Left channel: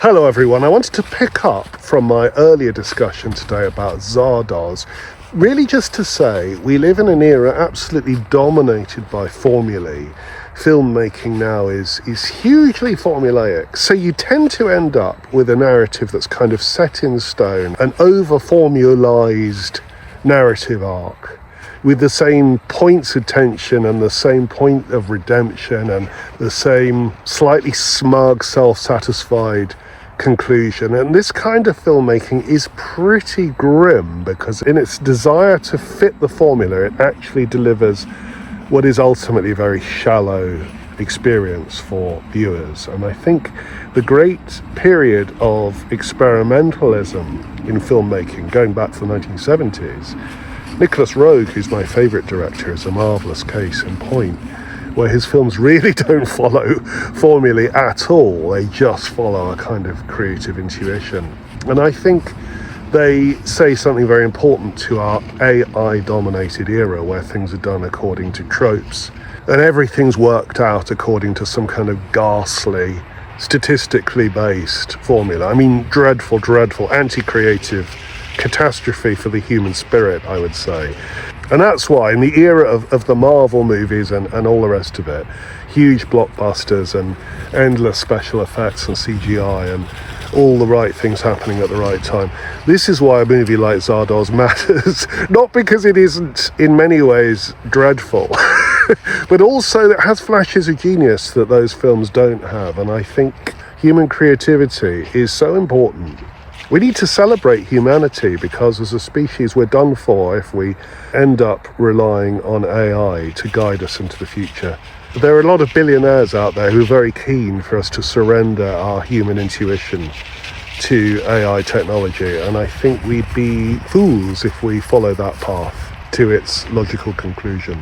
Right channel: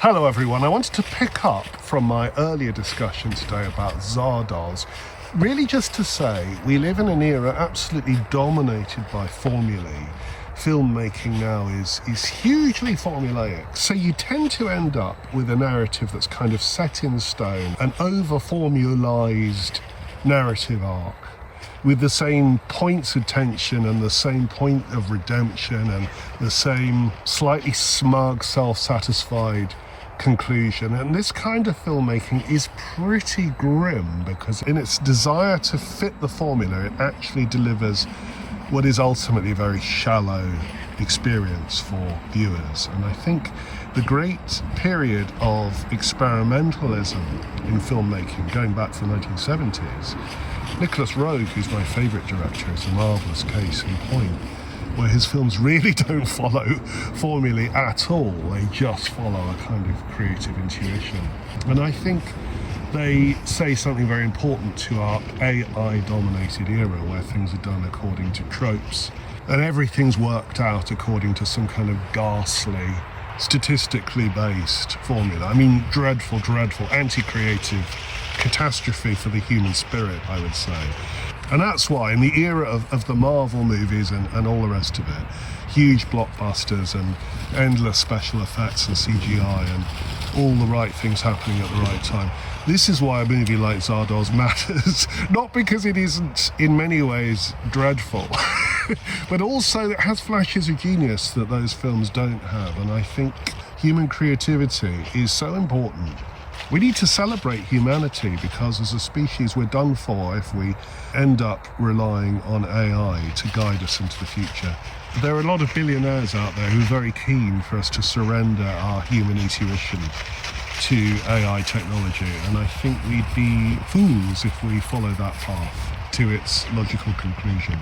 Hello everyone, I wanted to pick up from my earlier discussion today about Zardoz, really just to say we live in an era absolutely dominated by formulae. Filmmaking now is hugely formulaic, so you tend to end up with a narrative that's kind of set in stone, an over-formulaized narrative arc with the same points of tension and the same point of redemption and the same slightly smug, self-satisfied conclusion. And this kind of filmmaking is pretty grim because in its desire to fit the formula, it actually delivers what is ultimately a very shallow experience for viewers. And I think the great period of experimentalism in filmmaking, going back to the 1970s, Nicholas Roeg, who's my favourite director, is a marvellous case in point, where his films really don't follow formulae at all. They just follow a kind of creative intuition. And I think they say something very important to our AI-dominated era, where things are done according to tropes, and everything's worked out according to some kind of ghastly, statistically based formula. I mean, dreadful, anti-creative catastrophe for the human spirit, I would say. And that's why in the era of the Marvel movies and all the rest of it, huge blockbusters and endless special effects and CGI and all the right things happening at the right time, this is why a movie like Zardoz matters. Not because it isn't in many ways dreadful, but also it has flashes of genius that those films don't have. And I think human creativity is so important. We need to celebrate humanity because as a species we're done for if we end up relying on AI to guide us into the future. There are a lot of billionaires out there who are very keen for us to surrender our human intuition to AI technology, and I think we'd be fools if we follow that path to its logical conclusion.